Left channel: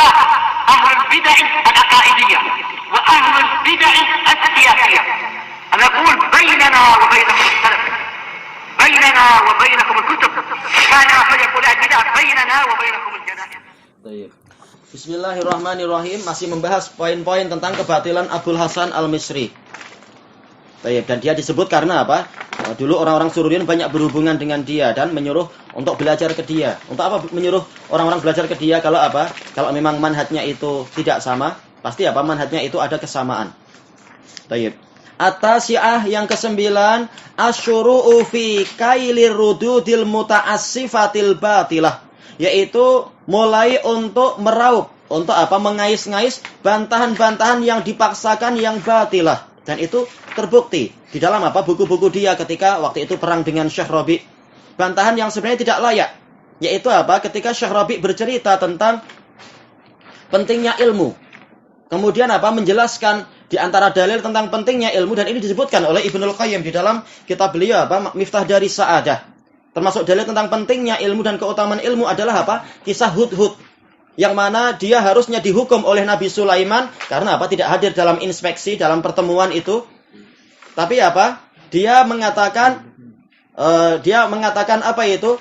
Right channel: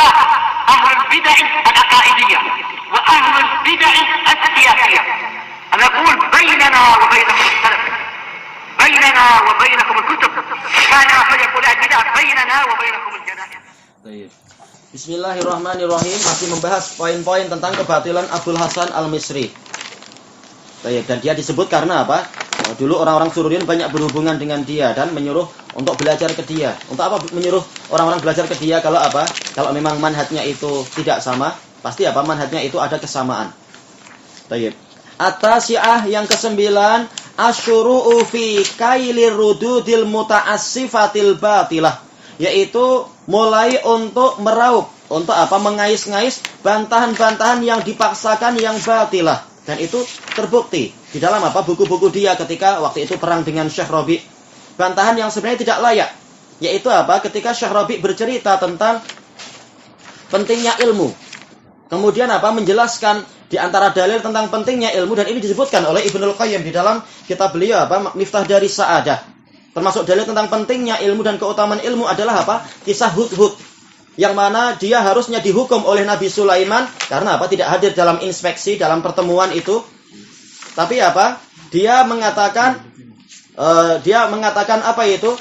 واحد، أهل البدع العقائدية وأهل البدع السياسية. أنا أقول بيننا وبينكم السلف، بيننا وبينكم الكتب، كان فيقول البدع بيننا وبينكم الجنائز. Bismillahirrahmanirrahim. Masih membahas poin-poin tentang kebatilan Abul Hasan Al-Misri. Dan dia disebut karena apa? Dulu orang-orang Sururiun banyak berhubungan dengan dia dan menyuruh untuk belajar ke dia. Untuk apa menyuruh orang-orang belajar ke dia? Kalau apa? Kalau memang manhajnya itu tidak sama, pasti apa? Manhajnya itu ada kesamaan. Baik. At-tasi'ah yang ke-9, asyuru'u fi kailir rududil muta'assifatil batilah, yaitu mulai untuk meraup, untuk apa? Mengais-ngais bantahan-bantahan yang dipaksakan yang batilah. Dan itu terbukti di dalam apa? Buku-buku dia ketika waktu itu perang dengan Syekh Rabi. Bantahan yang sebenarnya tidak layak, yaitu apa? Ketika Syekh Rabi bercerita tentang pentingnya ilmu. Kemudian apa? Menjelaskan di antara dalil tentang pentingnya ilmu, dan ini disebutkan oleh Ibnul Qayyim di dalam kitab beliau apa? Miftah dari Sa'adah. Termasuk dalil tentang pentingnya ilmu dan keutamaan ilmu adalah apa? Kisah Hudhud, yang mana dia harusnya dihukum oleh Nabi Sulaiman karena apa? Tidak hadir dalam inspeksi dalam pertemuan itu. Tapi apa? Dia mengatakan apa itu?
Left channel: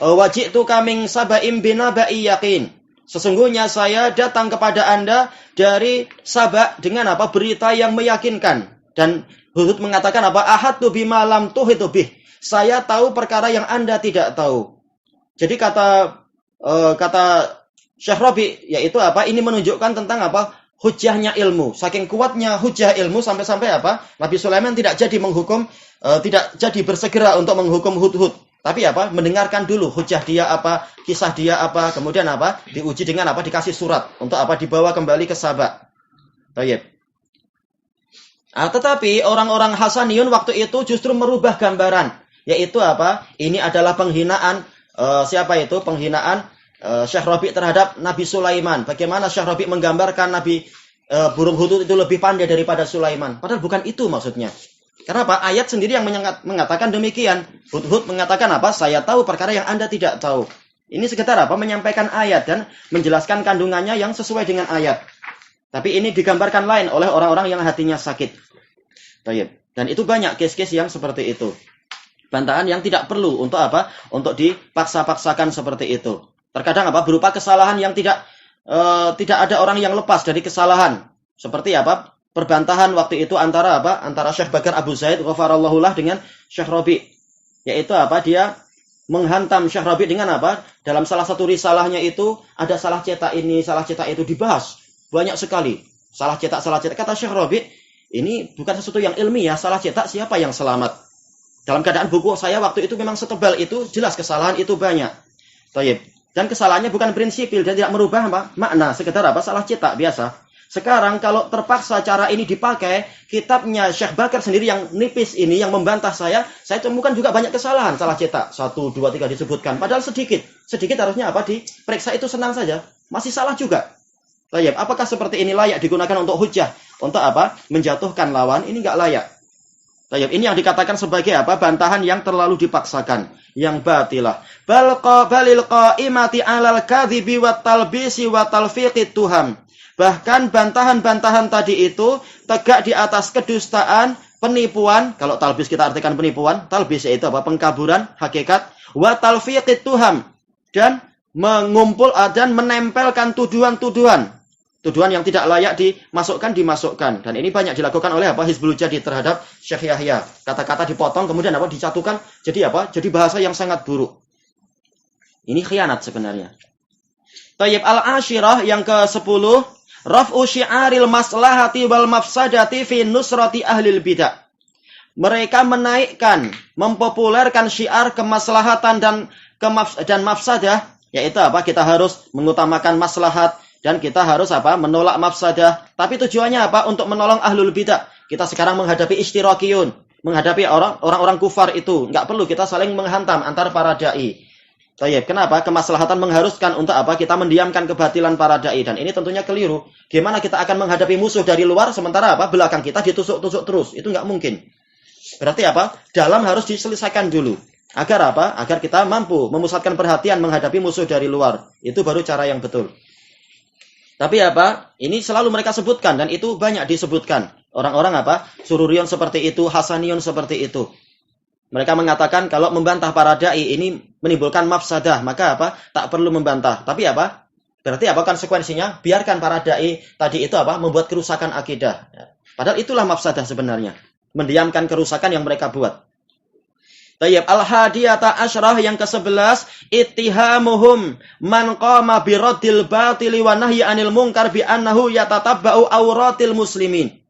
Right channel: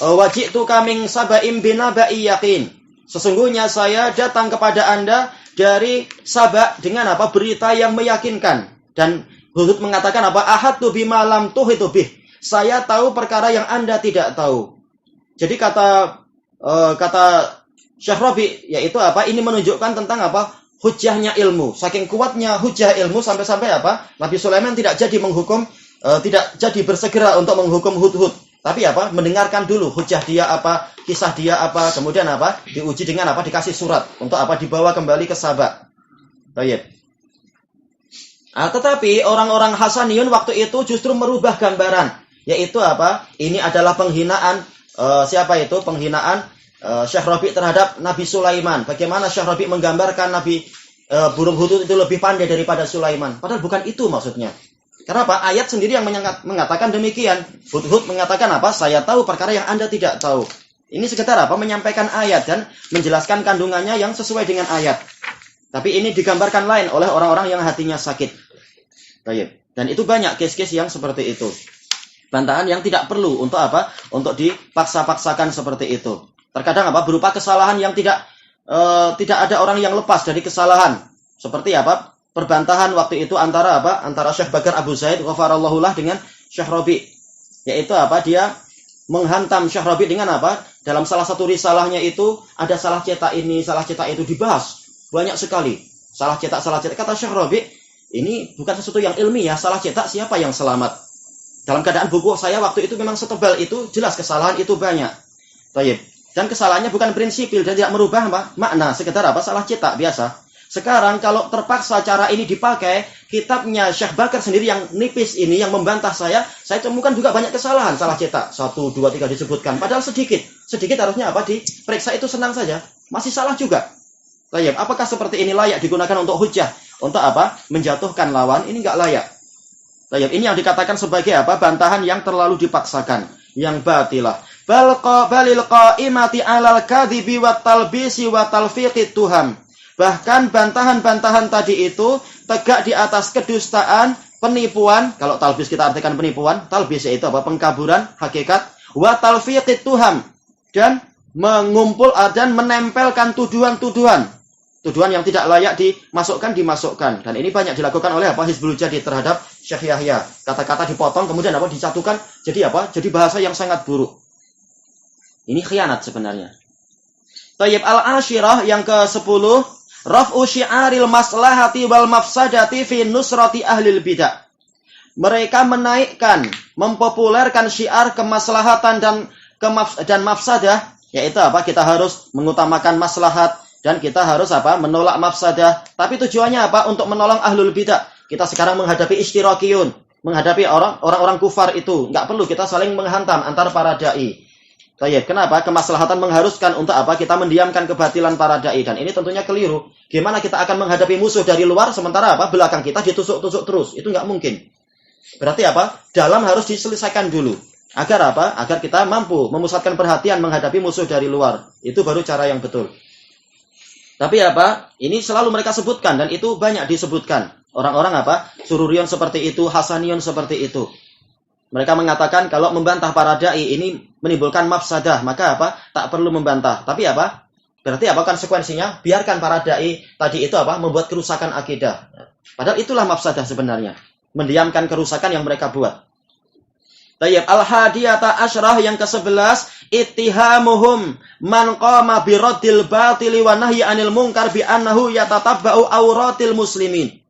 Waji'tu kaming saba'im binaba'i yakin. Sesungguhnya saya datang kepada Anda dari Sabak dengan apa? Berita yang meyakinkan. Dan Hudhud mengatakan apa? Ahadtu bima lam tuhitu bih. Saya tahu perkara yang Anda tidak tahu. Jadi kata Syekh Rabi, yaitu apa? Ini menunjukkan tentang apa? Hujjahnya ilmu. Saking kuatnya hujjah ilmu sampai-sampai apa? Nabi Sulaiman tidak jadi menghukum, tidak jadi bersegera untuk menghukum Hudhud. Tapi apa? Mendengarkan dulu hujjah dia apa, kisah dia apa, kemudian apa? Diuji dengan apa? Dikasih surat untuk apa? Dibawa kembali ke Sabak. Baik. Tetapi orang-orang Hasaniyun waktu itu justru merubah gambaran, yaitu apa? Ini adalah penghinaan siapa itu? Penghinaan Syekh Rabi terhadap Nabi Sulaiman. Bagaimana Syekh Rabi menggambarkan Nabi burung Hudhud itu lebih pandai daripada Sulaiman. Padahal bukan itu maksudnya. Kenapa? Ayat sendiri yang mengatakan demikian. Hudhud mengatakan apa? Saya tahu perkara yang Anda tidak tahu. Ini sekedar apa? Menyampaikan ayat dan menjelaskan kandungannya yang sesuai dengan ayat. Tapi ini digambarkan lain oleh orang-orang yang hatinya sakit. Baik. Dan itu banyak case-case yang seperti itu. Bantahan yang tidak perlu untuk apa? Untuk dipaksa-paksakan seperti itu. Terkadang apa? Berupa kesalahan yang tidak ada orang yang lepas dari kesalahan. Seperti apa? Perbantahan waktu itu antara apa? Antara Syekh Bakar Abu Zaid ghafarallahu lah dengan Syekh Rabi. Yaitu apa? Dia menghantam Syekh Rabi dengan apa? Dalam salah satu risalahnya itu ada salah cetak ini, salah cetak itu dibahas. Banyak sekali. Salah cetak. Kata Syekh Rabi, ini bukan sesuatu yang ilmiah. Salah cetak siapa yang selamat? Dalam keadaan buku saya waktu itu memang setebal itu, jelas kesalahan itu banyak. Taib. Dan kesalahannya bukan prinsipil dan tidak merubah apa? Makna. Sekedar apa? Salah cetak biasa. Sekarang kalau terpaksa cara ini dipakai, kitabnya Syekh Bakar sendiri yang nipis ini, yang membantah saya temukan juga banyak kesalahan. Salah cetak, 1, 2, 3 disebutkan. Padahal sedikit. Sedikit harusnya apa? Diperiksa itu senang saja. Masih salah juga. Taib. Apakah seperti ini layak digunakan untuk hujjah? Untuk apa? Menjatuhkan lawan. Ini enggak layak. Taib. Ini yang dikatakan sebagai apa? Bantahan yang terlalu dipaksakan. Yang batilah. Balil qa'imati alal kadhibi wat talbisi wat talfiqit tuham. Bahkan bantahan-bantahan tadi itu tegak di atas kedustaan, penipuan. Kalau talbis kita artikan penipuan, talbis itu apa? Pengkaburan hakikat. Wa talfiqit tuham, dan mengumpul dan menempelkan tuduhan-tuduhan. Tuduhan yang tidak layak dimasukkan. Dan ini banyak dilakukan oleh apa? Hizbul Jadid terhadap Syekh Yahya. Kata-kata dipotong kemudian apa? Dicatukan jadi apa? Jadi bahasa yang sangat buruk. Ini khianat sebenarnya. Tayyib al-ashirah yang ke-10, raf'u syi'aril maslahati wal mafsadati fi nusrati ahlil bidah. Mereka menaikkan, mempopulerkan syiar kemaslahatan dan mafsadah, yaitu apa? Kita harus mengutamakan maslahat dan kita harus apa? Menolak mafsadah. Tapi tujuannya apa? Untuk menolong ahlul bidah. Kita sekarang menghadapi istirakiyun, menghadapi orang-orang kufar itu. Enggak perlu kita saling menghantam antar para dai. Baik, kenapa? Kemaslahatan mengharuskan untuk apa? Kita mendiamkan kebatilan para dai, dan ini tentunya keliru. Gimana kita akan menghadapi musuh dari luar sementara apa? Belakang kita ditusuk-tusuk terus. Itu nggak mungkin. Berarti apa? Dalam harus diselesaikan dulu. Agar apa? Agar kita mampu memusatkan perhatian menghadapi musuh dari luar. Itu baru cara yang betul. Tapi apa? Ini selalu mereka sebutkan dan itu banyak disebutkan. Orang-orang apa? Sururion seperti itu, Hasanion seperti itu. Mereka mengatakan kalau membantah para dai ini menimbulkan mafsadah, maka apa? Tak perlu membantah. Tapi apa? Berarti apa konsekuensinya? Biarkan para dai tadi itu apa? Membuat kerusakan akidah. Padahal itulah mafsadah sebenarnya. Mendiamkan kerusakan yang mereka buat. Tayyib al-hadiyata asyrah yang ke-11 ittihamuhum man qama bi raddil batili wa nahyi anil munkar bi annahu yatatabba'u auratil muslimin.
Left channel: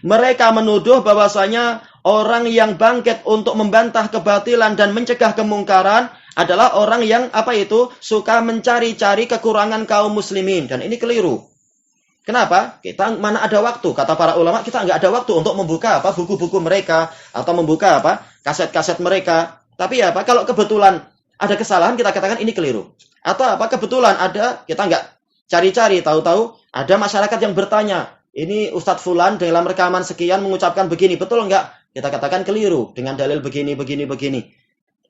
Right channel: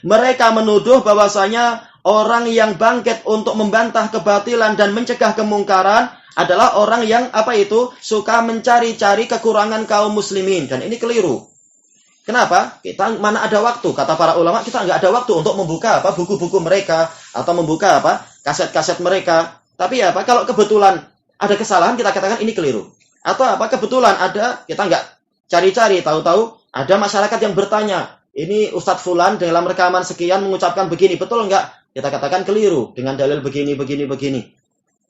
Mereka menuduh bahwasanya orang yang bangkit untuk membantah kebatilan dan mencegah kemungkaran adalah orang yang apa itu suka mencari-cari kekurangan kaum muslimin, dan ini keliru. Kenapa? Kita mana ada waktu, kata para ulama, kita nggak ada waktu untuk membuka apa buku-buku mereka atau membuka apa kaset-kaset mereka. Tapi apa kalau kebetulan ada kesalahan kita katakan ini keliru. Atau apa kebetulan ada kita nggak cari-cari, tahu-tahu ada masyarakat yang bertanya, ini Ustadz Fulan dalam rekaman sekian mengucapkan begini, betul nggak? Kita katakan keliru dengan dalil begini.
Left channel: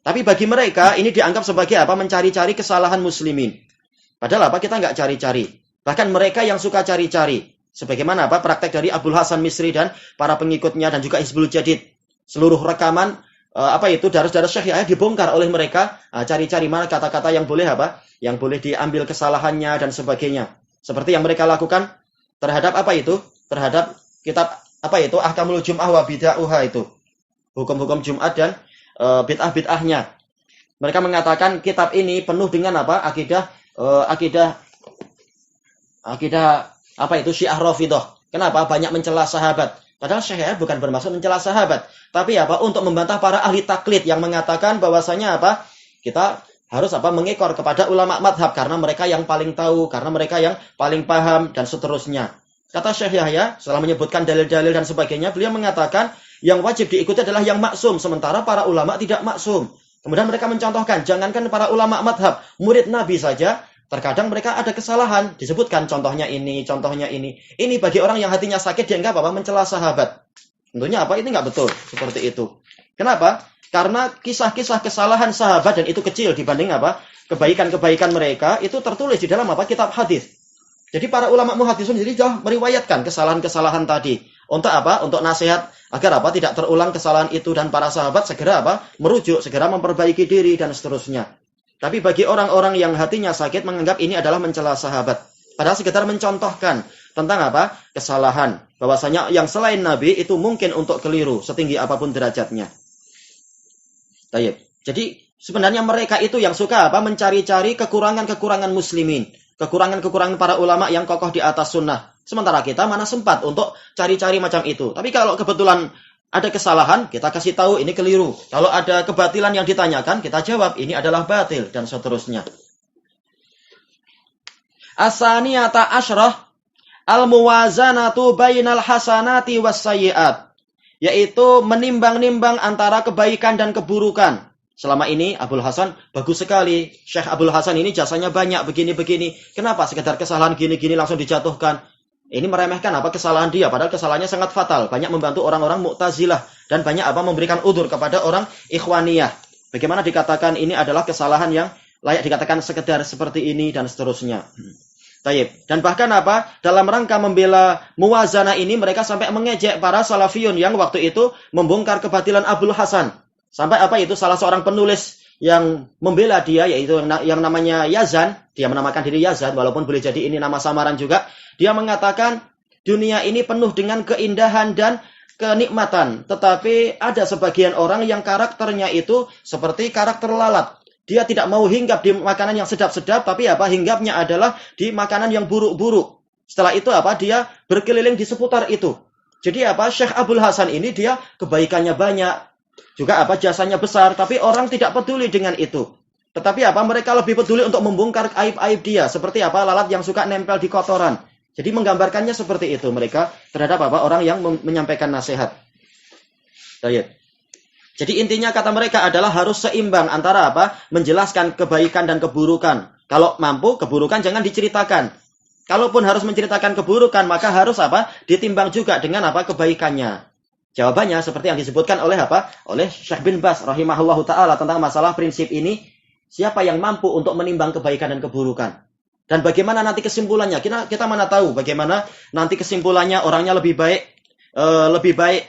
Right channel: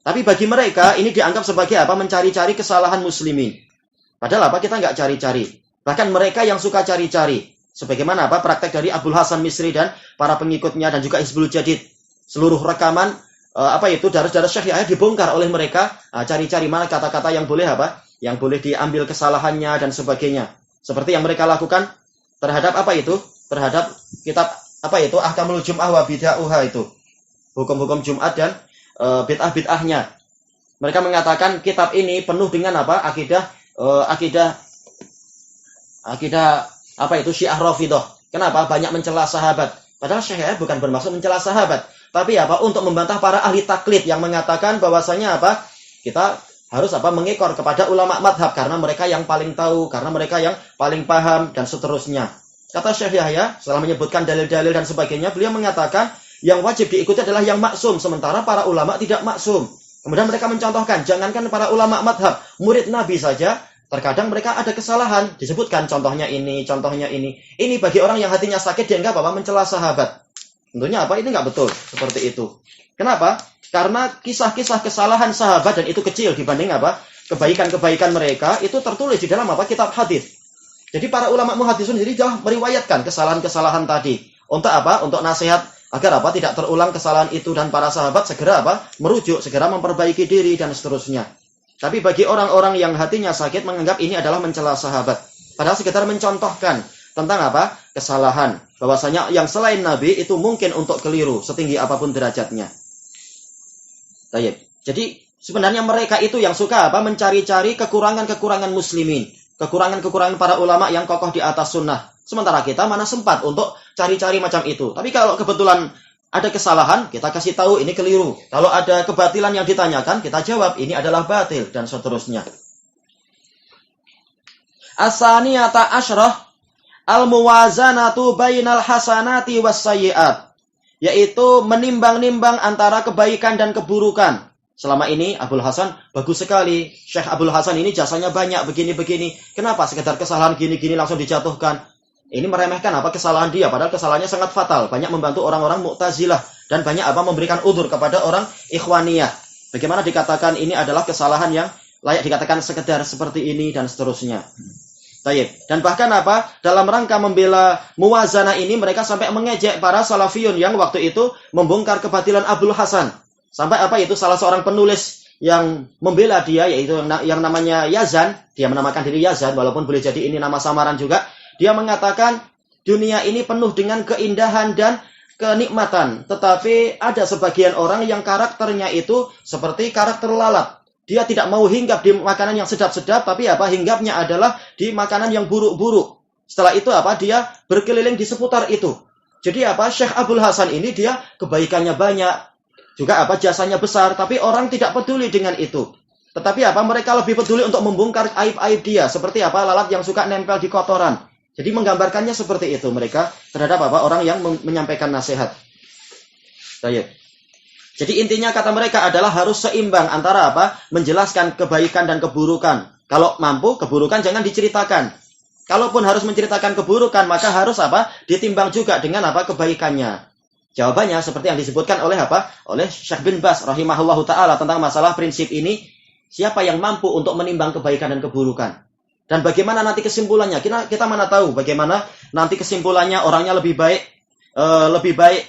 Tapi bagi mereka ini dianggap sebagai apa mencari-cari kesalahan muslimin. Padahal apa kita nggak cari-cari. Bahkan mereka yang suka cari-cari. Sebagaimana apa praktek dari Abdul Hasan Misri dan para pengikutnya dan juga Hizbul Jadid. Seluruh rekaman apa itu darus-darus Syekh Yahya dibongkar oleh mereka. Cari-cari mana kata-kata yang boleh apa? Yang boleh diambil kesalahannya dan sebagainya. Seperti yang mereka lakukan terhadap apa itu? Terhadap kitab apa itu? Ahkamul Jum'ah wa Bid'ah itu. Hukum-hukum Jumat dan bid'ah-bid'ahnya. Mereka mengatakan kitab ini penuh dengan apa? Akidah apa itu Syiah Rafidhah. Kenapa? Banyak mencela sahabat. Padahal Syekh bukan bermaksud mencela sahabat, tapi apa? Untuk membantah para ahli taklid yang mengatakan bahwasanya apa? Kita harus apa? Mengekor kepada ulama madhab karena mereka yang paling tahu, karena mereka yang paling paham dan seterusnya. Kata Syekh Yahya setelah menyebutkan dalil-dalil dan sebagainya, beliau mengatakan yang wajib diikuti adalah yang maksum, sementara para ulama tidak maksum. Kemudian mereka mencontohkan, jangankan para ulama madhab, murid Nabi saja terkadang mereka ada kesalahan, disebutkan contohnya ini. Ini bagi orang yang hatinya sakit dianggap apa? Mencela sahabat. Tentunya apa? Ini nggak betul seperti itu. Kenapa? Karena kisah-kisah kesalahan sahabat dan itu kecil dibanding apa? Kebaikan-kebaikan mereka itu tertulis di dalam apa? Kitab hadis. Jadi para ulama muhaddisun sendiri telah meriwayatkan kesalahan-kesalahan tadi. Untuk apa? Untuk nasihat agar apa? Tidak terulang kesalahan itu dan para sahabat segera apa? Merujuk, segera memperbaiki diri dan seterusnya. Tapi bagi orang-orang yang hatinya sakit menganggap ini adalah mencela sahabat. Padahal sekitar mencontohkan tentang apa? Kesalahan. Bahwasanya yang selain Nabi itu mungkin untuk keliru setinggi apapun derajatnya. Jadi sebenarnya mereka itu yang suka apa? Mencari-cari kekurangan-kekurangan muslimin. Kekurangan-kekurangan para ulama yang kokoh di atas sunnah. Sementara kita mana sempat untuk cari-cari macam itu. Tapi kalau kebetulan ada kesalahan, kita kasih tahu ini keliru. Kalau ada kebatilan yang ditanyakan, kita jawab ini adalah batil dan seterusnya. As-saniyata asyrah al-muwazanatu bainal hasanati was-sayyi'at, yaitu menimbang-nimbang antara kebaikan dan keburukan. Selama ini Abdul Hasan bagus sekali. Syekh Abdul Hasan ini jasanya banyak begini-begini. Kenapa sekedar kesalahan gini-gini langsung dijatuhkan? Ini meremehkan apa kesalahan dia, padahal kesalahannya sangat fatal. Banyak membantu orang-orang Mu'tazilah dan banyak apa memberikan udzur kepada orang Ikhwaniyah. Bagaimana dikatakan ini adalah kesalahan yang layak dikatakan sekedar seperti ini dan seterusnya. Dan bahkan apa dalam rangka membela muwazanah ini mereka sampai mengejek para salafiyun yang waktu itu membongkar kebatilan Abdul Hasan. Sampai apa itu salah seorang penulis yang membela dia yaitu yang namanya Yazan, dia menamakan diri Yazan walaupun boleh jadi ini nama samaran juga. Dia mengatakan dunia ini penuh dengan keindahan dan kenikmatan. Tetapi ada sebagian orang yang karakternya itu seperti karakter lalat. Dia tidak mau hinggap di makanan yang sedap-sedap, tapi apa hinggapnya adalah di makanan yang buruk-buruk. Setelah itu apa dia berkeliling di seputar itu. Jadi apa Syekh Abdul Hasan ini dia kebaikannya banyak, juga apa jasanya besar, tapi orang tidak peduli dengan itu. Tetapi apa mereka lebih peduli untuk membongkar aib-aib dia, seperti apa lalat yang suka nempel di kotoran. Jadi menggambarkannya seperti itu mereka terhadap apa orang yang menyampaikan nasihat. Jadi intinya kata mereka adalah harus seimbang antara apa menjelaskan kebaikan dan keburukan. Kalau mampu keburukan jangan diceritakan. Kalaupun harus menceritakan keburukan maka harus apa ditimbang juga dengan apa kebaikannya. Jawabannya seperti yang disebutkan oleh apa? Oleh Syekh bin Baz rahimahullahu taala tentang masalah prinsip ini, siapa yang mampu untuk menimbang kebaikan dan keburukan? Dan bagaimana nanti kesimpulannya? Kita mana tahu bagaimana nanti kesimpulannya, orangnya lebih baik,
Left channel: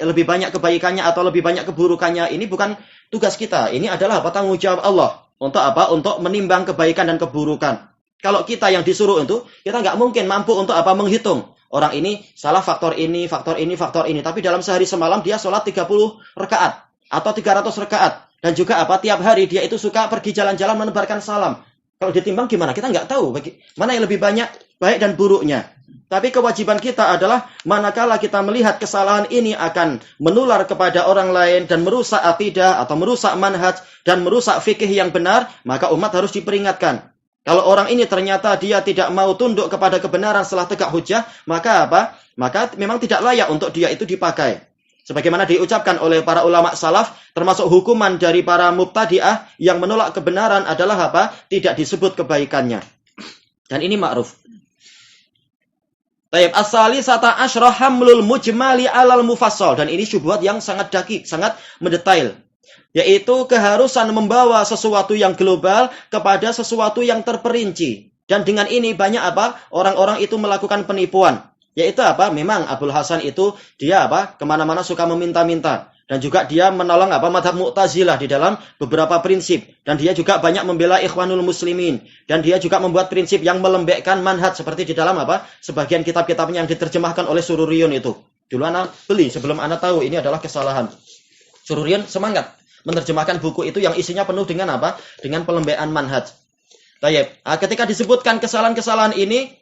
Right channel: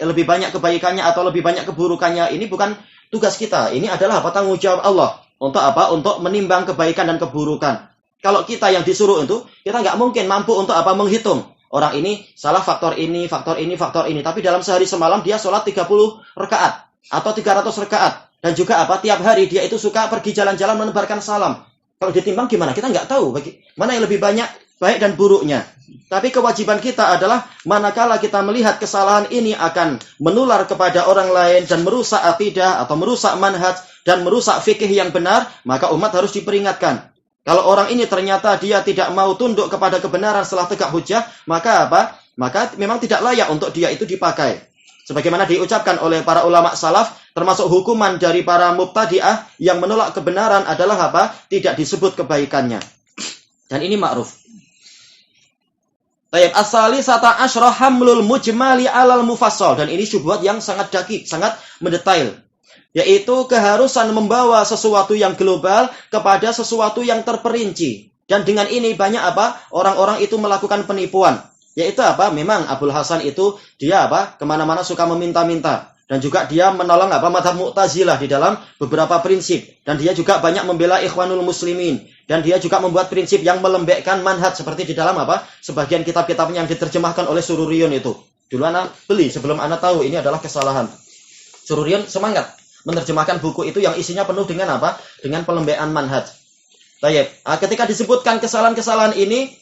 lebih banyak kebaikannya atau lebih banyak keburukannya. Ini bukan tugas kita. Ini adalah tanggung jawab Allah. Untuk apa? Untuk menimbang kebaikan dan keburukan. Kalau kita yang disuruh itu, kita nggak mungkin mampu untuk menghitung. Orang ini salah faktor ini, faktor ini, faktor ini. Tapi dalam sehari semalam dia sholat 30 rakaat atau 300 rakaat. Dan juga tiap hari dia itu suka pergi jalan-jalan menebarkan salam. Kalau ditimbang gimana? Kita nggak tahu mana yang lebih banyak baik dan buruknya. Tapi kewajiban kita adalah manakala kita melihat kesalahan ini akan menular kepada orang lain dan merusak akidah atau merusak manhaj dan merusak fikih yang benar, maka umat harus diperingatkan. Kalau orang ini ternyata dia tidak mau tunduk kepada kebenaran setelah tegak hujah, maka Maka memang tidak layak untuk dia itu dipakai. Sebagaimana diucapkan oleh para ulama salaf, termasuk hukuman dari para mubtadi'ah yang menolak kebenaran adalah tidak disebut kebaikannya. Dan ini ma'ruf. Tayyib as-salisata asyra hamlul mujmali alal mufassal, dan ini syubhat yang sangat dakik, sangat mendetail, yaitu keharusan membawa sesuatu yang global kepada sesuatu yang terperinci. Dan dengan ini banyak orang-orang itu melakukan penipuan, yaitu memang Abul Hasan itu dia kemana-mana suka meminta-minta, dan juga dia menolong mazhab Mu'tazilah di dalam beberapa prinsip, dan dia juga banyak membela Ikhwanul Muslimin, dan dia juga membuat prinsip yang melembekkan manhaj seperti di dalam sebagian kitab-kitabnya yang diterjemahkan oleh Sururiyun itu. Dulu ana beli sebelum ana tahu ini adalah kesalahan. Sururiyun semangat menerjemahkan buku itu yang isinya penuh dengan dengan pelembaan manhaj. Tayyib. Ketika disebutkan kesalahan-kesalahan ini,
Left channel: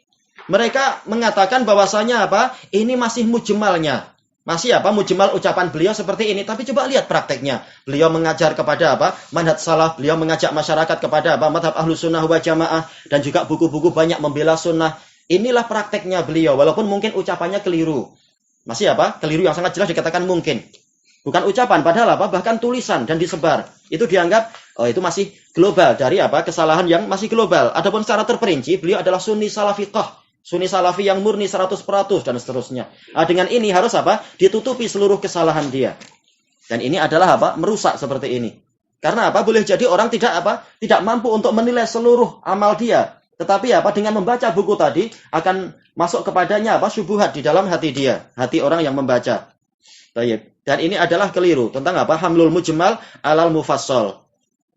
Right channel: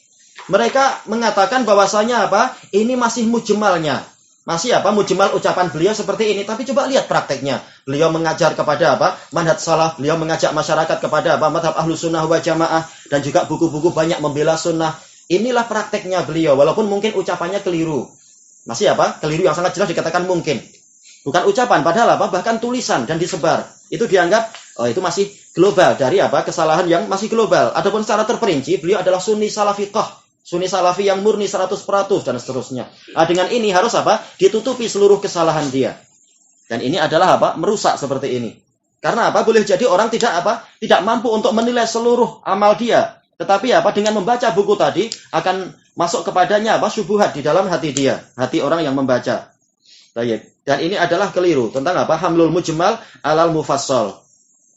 mereka mengatakan bahwasanya ini masih mujmalnya. Masih mujmal ucapan beliau seperti ini, tapi coba lihat prakteknya. Beliau mengajar kepada manhaj salaf, beliau mengajak masyarakat kepada madhab ahlus sunnah wal jamaah, dan juga buku-buku banyak membela sunnah. Inilah prakteknya beliau, walaupun mungkin ucapannya keliru. Masih keliru yang sangat jelas dikatakan mungkin. Bukan ucapan, padahal bahkan tulisan dan disebar. Itu dianggap, itu masih global dari kesalahan yang masih global. Adapun secara terperinci, beliau adalah sunni salafiqah. Sunni salafi yang murni 100% dan seterusnya. Dengan ini harus ditutupi seluruh kesalahan dia. Dan ini adalah merusak seperti ini. Karena boleh jadi orang tidak mampu untuk menilai seluruh amal dia. Tetapi dengan membaca buku tadi akan masuk kepadanya syubhat di dalam hati dia, hati orang yang membaca. Dan ini adalah keliru tentang hamlul mujmal alal mufassal.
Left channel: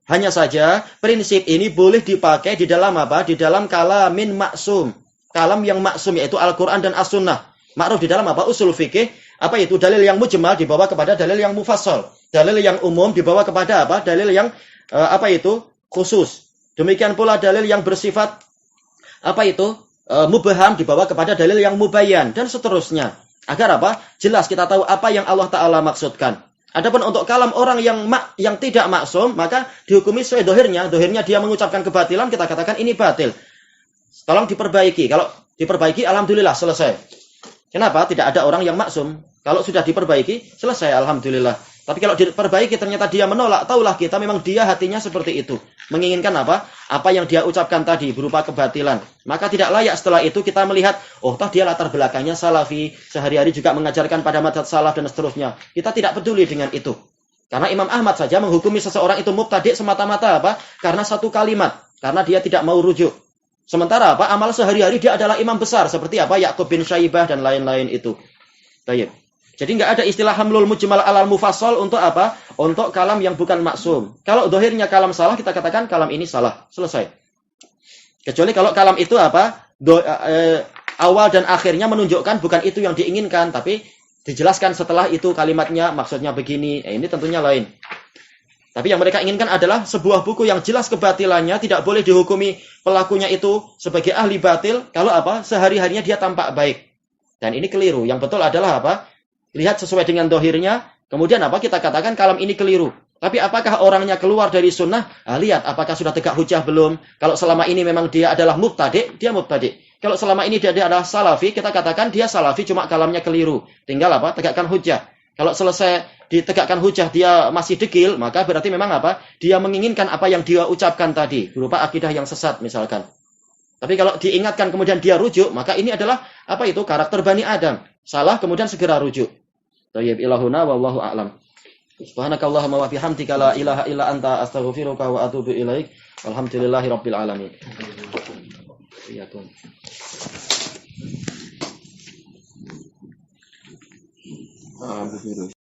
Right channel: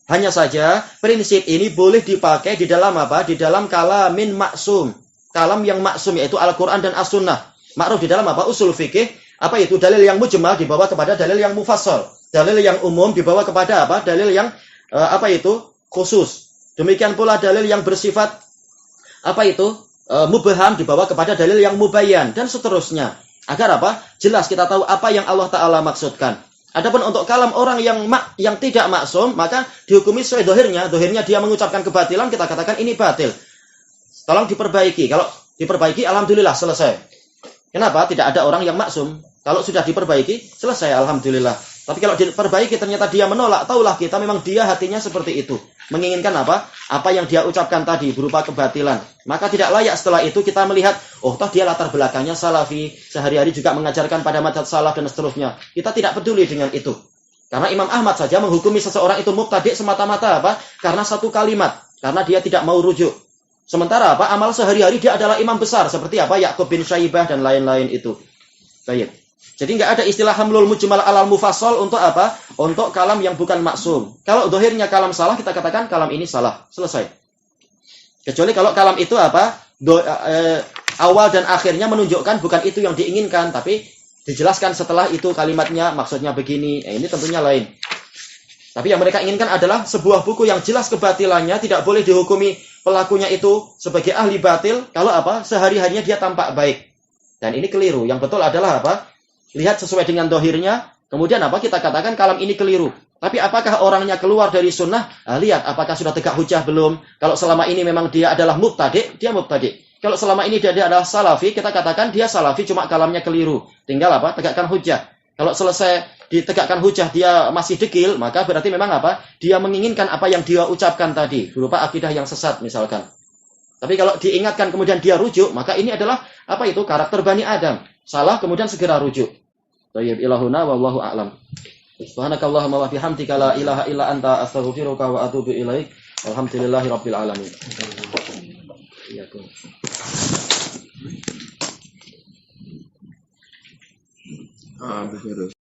Hanya saja prinsip ini boleh dipakai di dalam di dalam kalamin maksum. Kalam yang maksum, yaitu Al-Quran dan As-Sunnah. Ma'ruf di dalam usul fikih, itu dalil yang mujmal dibawa kepada dalil yang mufassal. Dalil yang umum dibawa kepada dalil yang khusus. Demikian pula dalil yang bersifat mubham dibawa kepada dalil yang mubayyan, dan seterusnya. Agar jelas kita tahu apa yang Allah Ta'ala maksudkan. Adapun untuk kalam orang yang tidak maksum, maka dihukumi sesuai dohirnya. Dohirnya dia mengucapkan kebatilan, kita katakan ini batil. Tolong diperbaiki. Kalau diperbaiki, alhamdulillah, selesai. Kenapa? Tidak ada orang yang maksum. Kalau sudah diperbaiki, selesai, alhamdulillah. Tapi kalau diperbaiki, ternyata dia menolak, taulah kita memang dia hatinya seperti itu. Menginginkan apa yang dia ucapkan tadi, berupa kebatilan. Maka tidak layak setelah itu kita melihat, toh dia latar belakangnya salafi, sehari-hari juga mengajarkan pada madhab salaf, dan seterusnya. Kita tidak peduli dengan itu. Karena Imam Ahmad saja menghukumi seseorang itu mubtadi' semata-mata karena satu kalimat. Karena dia tidak mau rujuk. Sementara amal sehari-hari dia adalah imam besar seperti Ya'qub bin Syaibah dan lain-lain itu. Baik. Jadi nggak ada istilah hamlul mujmal alal mufassal untuk Untuk kalam yang bukan maksum. Kalau dohirnya kalam salah, kita katakan kalam ini salah. Selesai. Kecuali kalau kalam itu awal dan akhirnya menunjukkan bukan itu yang diinginkan, tapi dijelaskan setelah itu kalimatnya maksudnya begini. Ini tentunya lain. Tapi yang mereka inginkan adalah sebuah buku yang jelas kebatilannya, tidak boleh dihukumi pelakunya itu sebagai ahli batil kalau sehari-harinya dia tampak baik. Dan ini keliru. Yang betul adalah lihat sesuai dengan dohirnya, kemudian kita katakan kalam ini keliru. Tapi apakah orangnya keluar dari sunnah? Lihat apakah sudah tegak hujah belum. Kalau selama ini memang dia adalah mubtadi', dia mubtadi'. Kalau selama ini dia adalah salafi, kita katakan dia salafi, cuma kalamnya keliru. Tinggal tegakkan hujah. Kalau selesai ditegakkan hujah dia masih dekil, maka berarti memang dia menginginkan apa yang dia ucapkan tadi, berupa akidah yang sesat misalkan. Tapi kalau diingatkan kemudian dia rujuk, maka ini adalah karakter Bani Adam. Salah kemudian segera rujuk. Thayyib ilahuna wallahu a'lam. Subhanakallahumma wa bihamdika la ilaha illa anta astaghfiruka wa atubu ilaik. Alhamdulillahirabbil alamin. Iya, Bung. Bu Vero.